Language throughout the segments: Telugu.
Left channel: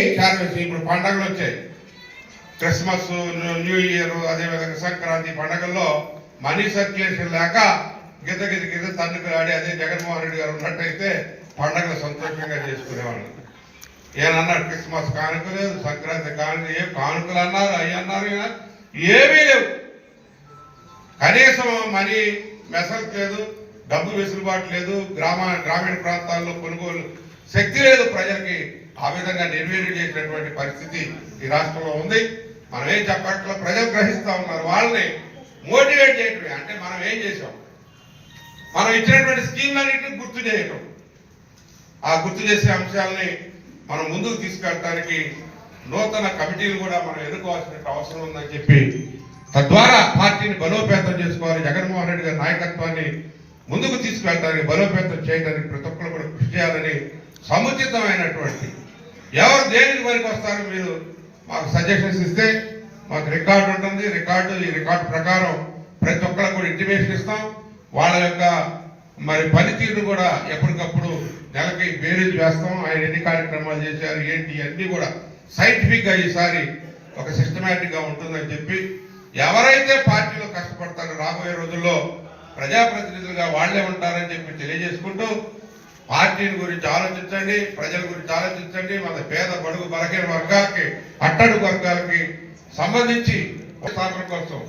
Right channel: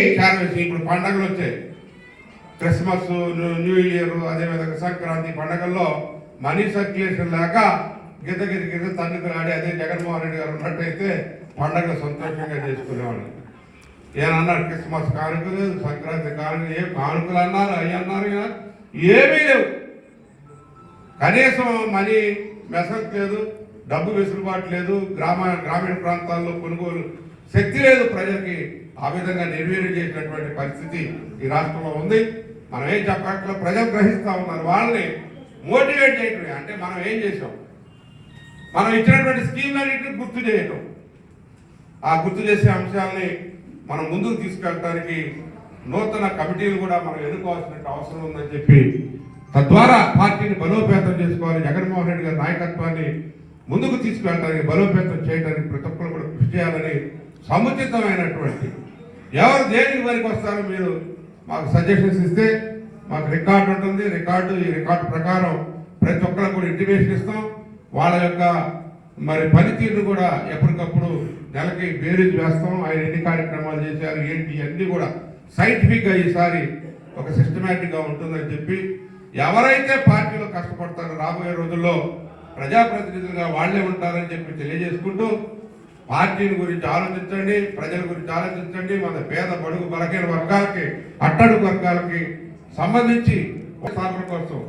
ఇప్పుడు పండగలు వచ్చాయి. క్రిస్మస్ న్యూ ఇయర్ అదేవిధంగా సంక్రాంతి పండగల్లో మనీ సర్క్యులేషన్ లేక గిద్ద గిద్ద గిద్ద తండ్రి ఆడి అదే జగన్మోహన్ రెడ్డి గారు ఉన్నట్టయితే పండగలు సంతోషంగా చేసుకునేవాళ్ళు. ఏమన్నారు? క్రిస్మస్ కానుక లేదు సంక్రాంతి కానుక ఏ కానుకలు అన్నారు? అవి అన్నారు ఏమీ లేవు. కనీసం మనీ మెసలు లేదు డబ్బు వెసులుబాటు లేదు. గ్రామ గ్రామీణ ప్రాంతాల్లో కొనుగోలు శక్తి లేదు ప్రజలకి ఆ విధంగా నిర్వీర్యం చేసినటువంటి పరిస్థితి ఈ రాష్ట్రంలో ఉంది. మనం ఏం చెప్పట్లో ప్రజలు గ్రహిస్తా ఉన్నారు. వాళ్ళని మోటివేట్ చేయటం అంటే మనం ఏం చేసాం? మనం ఇచ్చినటువంటి స్కీమ్లన్నింటినీ గుర్తు చేయటం. ఆ గుర్తు చేసే అంశాలని మనం ముందుకు తీసుకెళ్ళడానికి నూతన కమిటీలు కూడా మనం ఎదుర్కోవాల్సిన అవసరం ఉందని చెప్పి తద్వారా పార్టీని బలోపేతం చేసుకోవాలి. జగన్మోహన్ రెడ్డి గారి నాయకత్వాన్ని ముందుకు తీసుకెళ్ళడానికి బలోపేతం చేయడానికి ప్రతి ఒక్కరు కూడా కృషి చేయాలని సముచితమైనటువంటి ఎవరు దేనికి పనికి వస్తారో మీరు మాకు సజెషన్స్ ఇస్తే మాకు రికార్డు ఉంటుంది. రికార్డు ఈ రికార్డు ప్రకారం ప్రతి ఒక్కరికి కూడా ఇంటిమేషన్ ఇస్తాం. వాళ్ళ యొక్క మరి పనితీరు కూడా ఎప్పటికప్పుడు నెలకి బేరీజ్ వేస్తాం. ఆయన ఎన్ని కార్యక్రమాలు చేశారు ఏంటి అన్ని కూడా సైంటిఫిక్గా ఈసారి ఒక సిస్టమేటిక్గా ఉంటుందని చెప్పి ఎవరైతే పార్టీలో కష్టపడతారో రాబోయే రోజుల్లో ప్రజాప్రతినిధులుగా వాళ్ళే ఉంటారని చెప్పి తెలియజేసుకుంటూ పార్టీని గురించి ఆలోచించండి ప్రజల గురించి ఆలోచించండి మన పేద బడుగు బలహీన వర్గాలకి అట్టడుగు వర్గాలకి సంబంధించి స్థాపన కోసం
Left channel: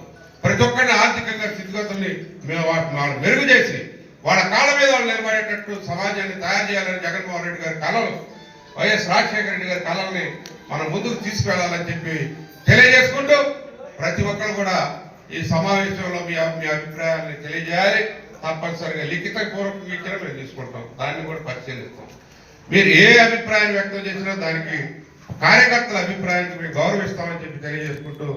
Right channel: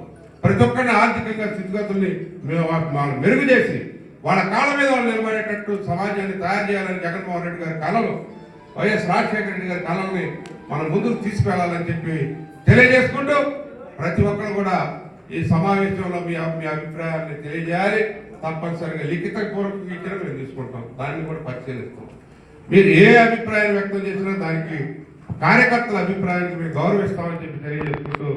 ప్రతి ఒక్కరిని ఆర్థికంగా స్థితిగతుల్ని మేము వా- మనం మెరుగు చేసి వాళ్ళ కాళ్ళ మీద వాళ్ళు నిలబడేటట్టు సమాజాన్ని తయారు చేయాలని జగన్మోహన్ రెడ్డి గారి కళలు వైఎస్ రాజశేఖర రెడ్డి గారి కళల్ని మనం ముందుకు తీసుకువెళ్ళాలని చెప్పి తెలియజేసుకుంటూ ప్రతి ఒక్కరు కూడా ఈ సమావేశంలో మీ మీ అభిప్రాయాన్ని తెలియజేయాలి. తప్పనిసరిగా లిఖిత పూర్వకం ఇచ్చిన మేము తీసుకుంటాం. దాన్ని కూడా పరిశీలిస్తాం. మీరు ఏ అభిప్రాయం వ్యక్తం చేసినా దానికి కార్యకర్తల అభిప్రాయానికి మేము గౌరవిస్తామని చెప్పి తెలియజేసుకుంటూ